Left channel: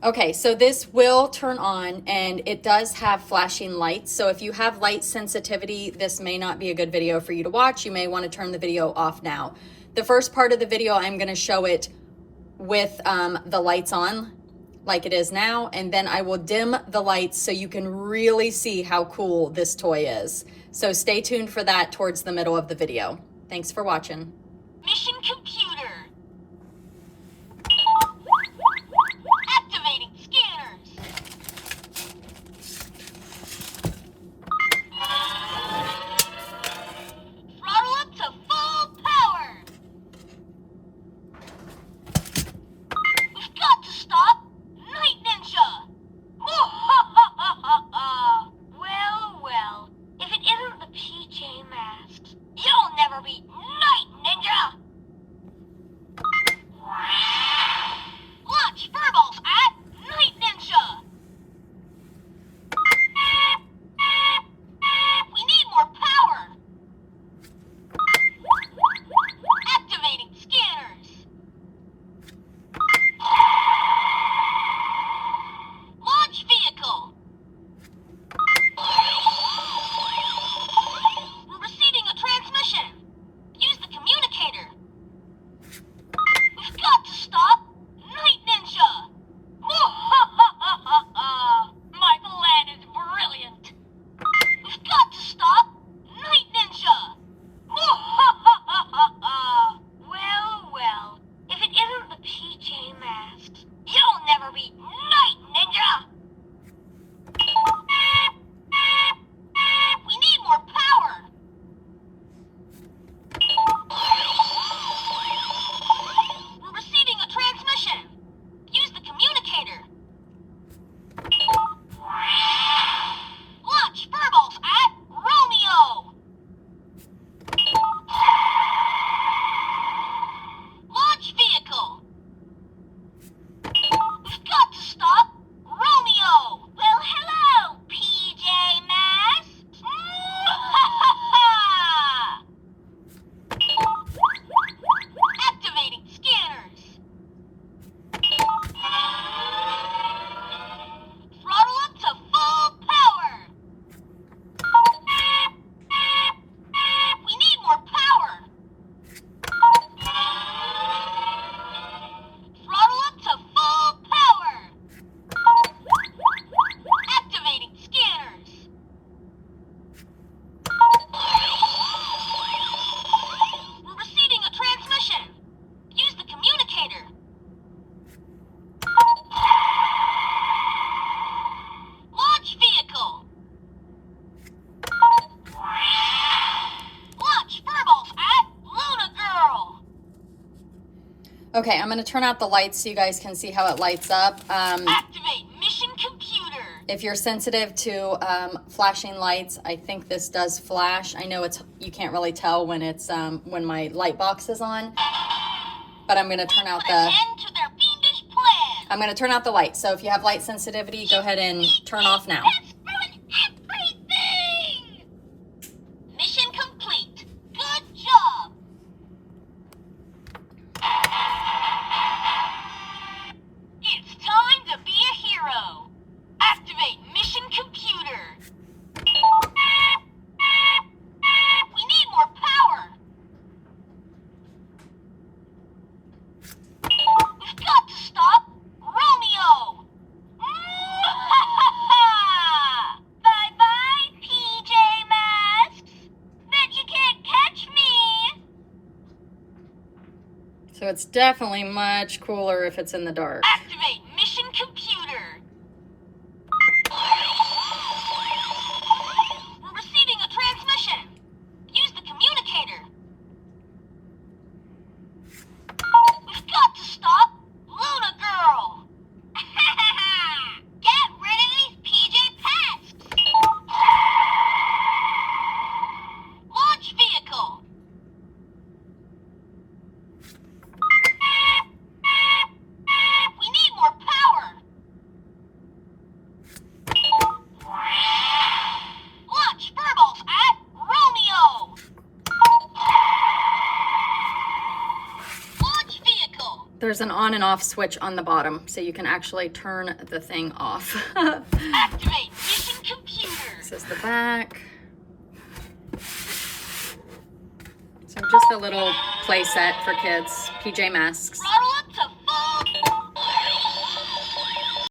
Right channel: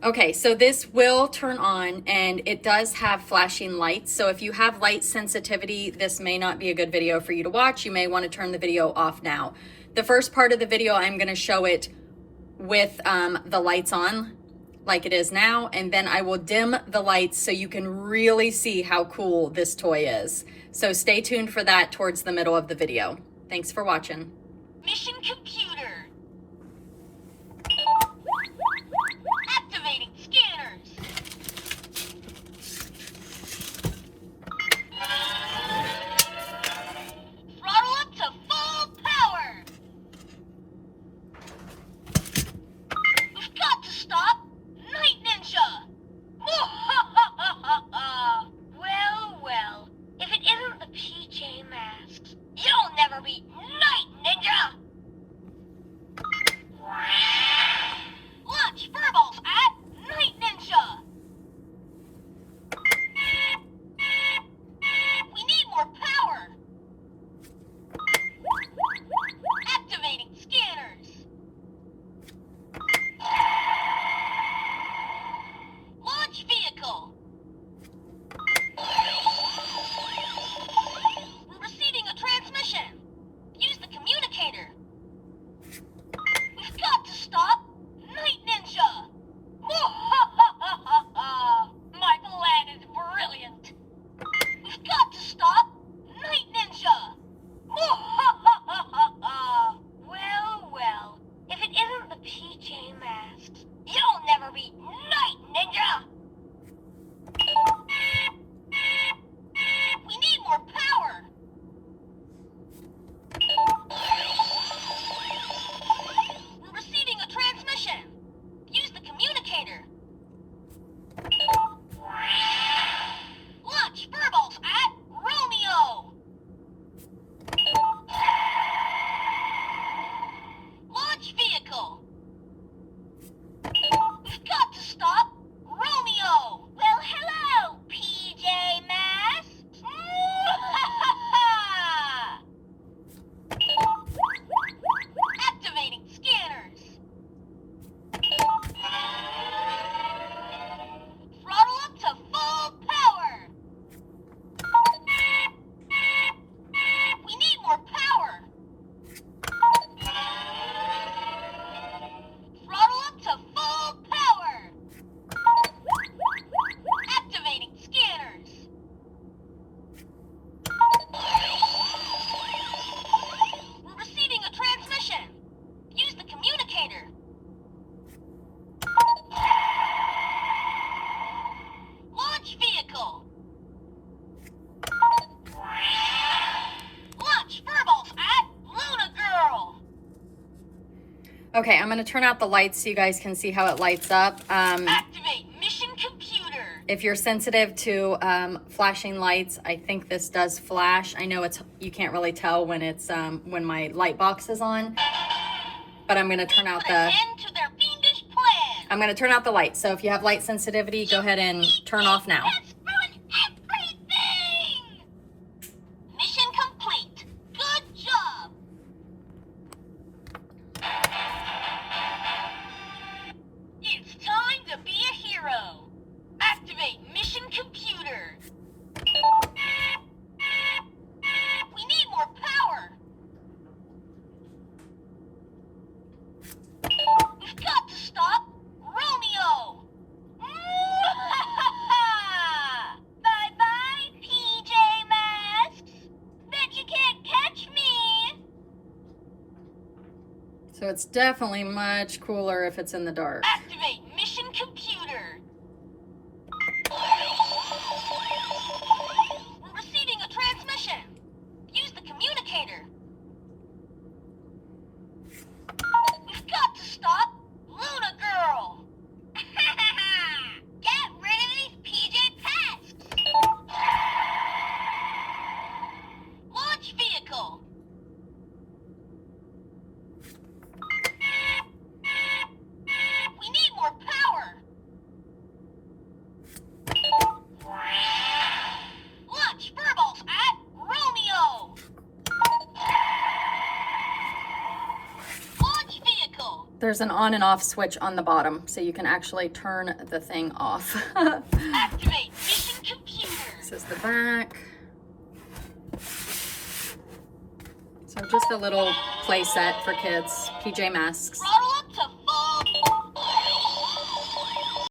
Okay, so this will turn on and it does have flashing lights. So if you have light sensitivity, this may not be a good video for you to watch. You may want to turn the video off now. The first part of the video, I'm going to show it with the lights on like it is now, and then I will dim the lights so you can really see how cool this toy is. So stay tuned for that towards the middle of the video. Thanks for watching. Mission computer. Activating scanners. Throttle up to full power. We've got to stop Night Ninja. Well, if it isn't the PJ Masks, you'll never be Night Ninja. Launch furballs at Night Ninja. We need more power. Activating scanners. Launch vehicle. We're receiving a transmission. Use the communicator. We've got to stop Night Ninja. My plan is brilliant. We've got to stop Night Ninja. Well, if it isn't the PJ Masks, you'll never be Night Ninja. We need more power. We're receiving a transmission. Use the communicator. Launch furballs at Romeo. Launch vehicle. We've got to stop Romeo. Well, hello, PJ Masks. Activating scanners. Throttle up to full power. We need more power. Throttle up to full power. Activating scanners. We're receiving a transmission. Use the communicator. Launch vehicle. Launch furballs at Luna Girl. Okay, I'm going to turn out the lights so you guys can see how it lights up. Activate mission computer. If you're sensitive to flashing lights, I think this does flash. I know you can't really tell when it's when my light box is on, but I'm going to turn out Put an end to their fiendish plan. I'm going to turn out the lights. So if you have light sensitivity, go ahead and turn off now. Let's ruin everything. Mission complete. Good job. It's time to be a hero. Activate mission computer. We need more power. We've got to stop Romeo. Bye-bye, PJ Masks. Bet you can't catch me. So it's definitely much cooler if it's in the dark. Activate mission computer. We're receiving a transmission. Use the communicator. We've got to stop Luna Girl. Get rid of these PJ Masks. Launch vehicle. We need more power. there's an on and off switch on the bottom, so you can actually turn the thing off. Activate mission computer. This is the back. So just a little play set for kids, PJ Masks.